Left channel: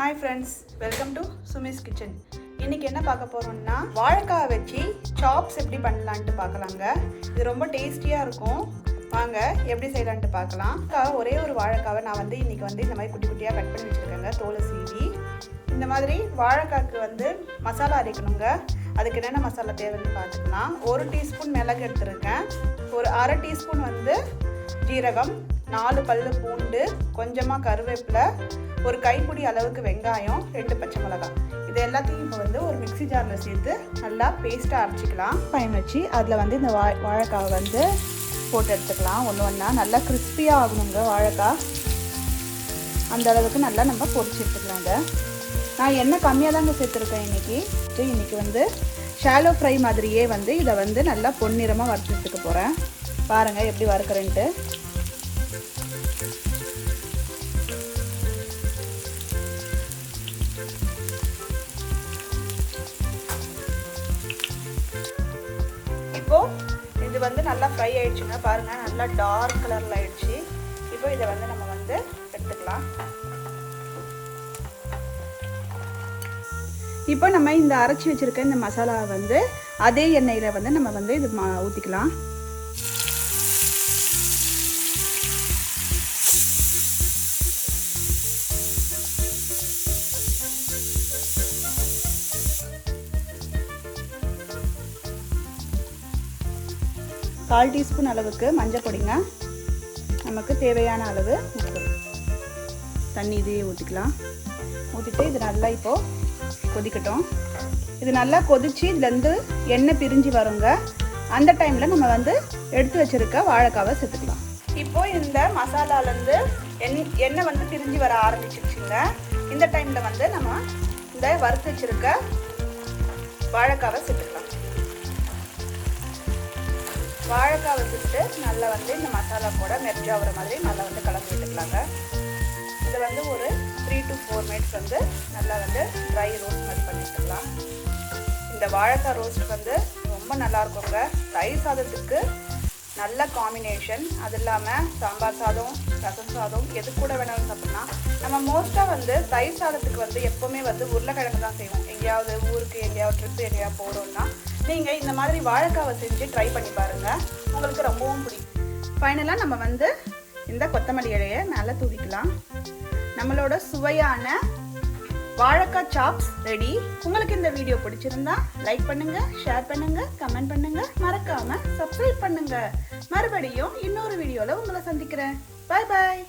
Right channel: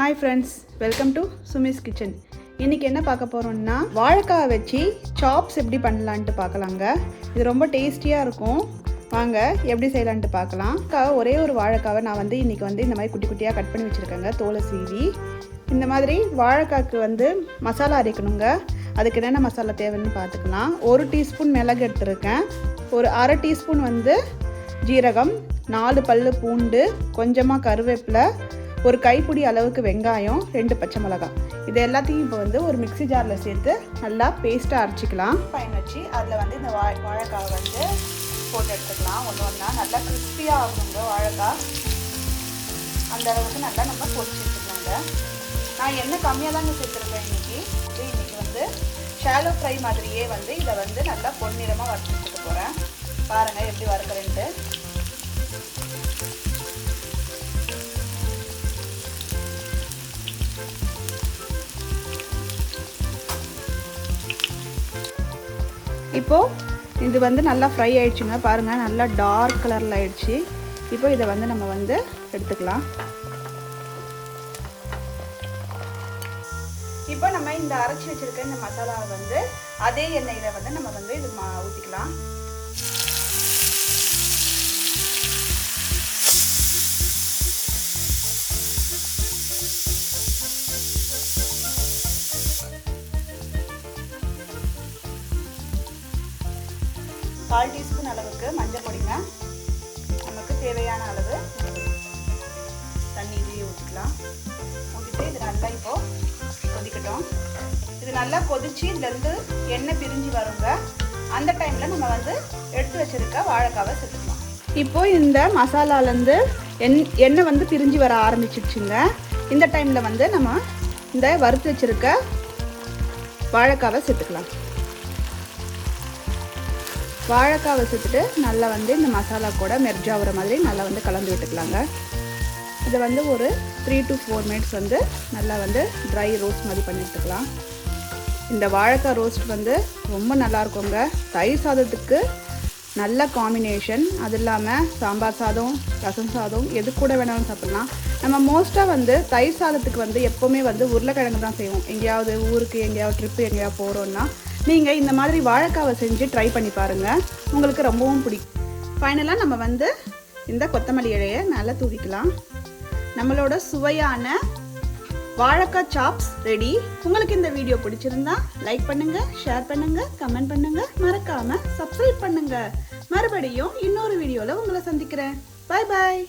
Hi friends, welcome to Sumi's Kitchen. இன்னைக்கு என்ன பார்க்க போறோம்னா வாழைக்காய் வச்சு சாப்ஸ் எப்படி பண்ணலாம்னு பார்க்கலாங்க. இது ரொம்ப டேஸ்டியா இருக்கும். வாங்க எப்படி செய்யலாம்னு பார்க்கலாம். ஒரே ஒரு வாழைக்காவை நான் இன்னைக்கு இந்த மாதிரி குட்டி குட்டியா கட் பண்ணி வச்சிருக்கேங்க, தோலை சீவி. இந்த மாதிரி வாழைக்காய்க்கு மசாலா அரைக்கணுங்க. அதுக்கு என்னென்ன மசாலா தேவைன்னு பார்த்துக்கலாம். 1 டீஸ்பூன் மிளகு எடுத்துருக்கேன், ஒரு அரை டீஸ்பூன் ஜீரகம், 4 பல்லு பூண்டு, கொஞ்சமாக கருவேப்பிலை, ஒரு கைப்பிடி அளவுக்கு வெங்காயம், 2 பச்சை மிளகாய். இது எல்லாத்தையும் இப்போ ஒரு மிக்ஸி ஜாரில் சேர்த்து நல்லா பேஸ்ட்டாக அரைச்சிக்கலாம். பயன் வச்சு அதில் இந்த வாழைக்காவை போட்டு எடுத்துக்கலாம். ஒன்று நல்லா கிறிஸ்பியாக ஆகணுங்க. வாழைக்காய் அந்த அளவுக்கு நல்லா நம்ம பொரிச்சு எடுத்துக்கலாங்க. நான் எண்ணெய் கம்மியாக தாங்க சேர்த்துருக்கேன் இன்னைக்கு ஷாலோ ஃப்ரை மாதிரியே இதை நல்லா பொன்னிறமாக வறுத்து எடுத்துக்க போகிறேன். பாருங்கள் எப்படி வறுக்கிறேன்ட்டு. இப்போ இது நல்லா ஃப்ரை ஆயிடுச்சுங்க. பாருங்க நல்லா டார்க் கலர்ல ஆயிடுச்சு. இப்போ இதை நம்ம எடுத்துக்கலாம். இப்போ நம்ம இந்த அரைச்சி வச்சிருக்க இந்த மசாலாவை அதே எண்ணெயில நம்ம இது ஊற்றிக்கலாம். கால் டீஸ்பூன் அளவுக்கு மஞ்சள் பொடிங்க, நமக்கு தேவையான அளவு தண்ணி இதையும் ஊற்றிக்கலாம். ஊற்றிட்டு இது நல்லா இப்போ கொதிக்கட்டும். இது நல்லா கொதிச்சு இதுலேருந்து எண்ணெய் பிரிஞ்சு வருங்க. அந்த டைமில் நம்ம எடுத்து வச்சிருக்க வாழைக்காவை சேர்த்துக்கலாம். இப்போ இந்த மசாலாலேருந்து எண்ணெய் பிரிஞ்சு வர ஆரம்பிச்சிடுச்சுங்க. இந்த டைமில் நம்ம இந்த வறுத்து வச்சிருக்க வாழைக்காவை சேர்த்துக்கலாம். வாழைக்காவை சேர்த்துட்டு நல்லா இந்த மசாலா கூட மெர்ஜ் ஆகிற மாதிரி நல்லா கலந்து விட்டுக்கலாங்க. இது ஒரு 3 to 4 மினிட்ஸ் நல்லா ட்ரை ரோஸ்ட் மாதிரி பண்ணி எடுத்துக்கலாம். இந்த வாழைக்காய் ரோஸ்ட் ரொம்ப நல்லா இருக்குங்க. தயிர் சாதத்துக்கு நல்ல காம்பினேஷன். அது இல்லாமல் சாம்பார் சாதம், ரசம் சாதம் எது கூட வேணாலும் சாப்பிடலாம். நம்ம மோஸ்ட்டாக தயிர் சாதத்துக்கு எப்போவுமே உருளைக்கிழங்கு தான் செய்வோம். எங்கேயாவது ஊருக்கு எங்கேயாவது ட்ரிப்பு எங்கேயாவது போகிறோன்னா நீங்கள் இந்த மாதிரி வாழைக்காவை செஞ்சு ட்ரை பண்ணி பாருங்கள், உங்களுக்கு ரொம்பவும் பிடிக்கும். ஃபைனலாக நம்ம இந்த கொத்தமல்லி இலையை நல்லா தூவிக்கலாம். நம்மளோட சுவையான வாழைக்காய் சாப்ஸ் ரெடி. உங்களுக்கு இந்த வீடியோ பிடிச்சிருந்தா லைக் பண்ணுங்க, ஷேர் பண்ணுங்க, கமெண்ட் பண்ணுங்க, மறக்காம சப்ஸ்கிரைப் பண்ணுங்க. மறுபடியும் இன்னொரு வீடியோல உங்களை சந்திக்கிறேன். Bye bye.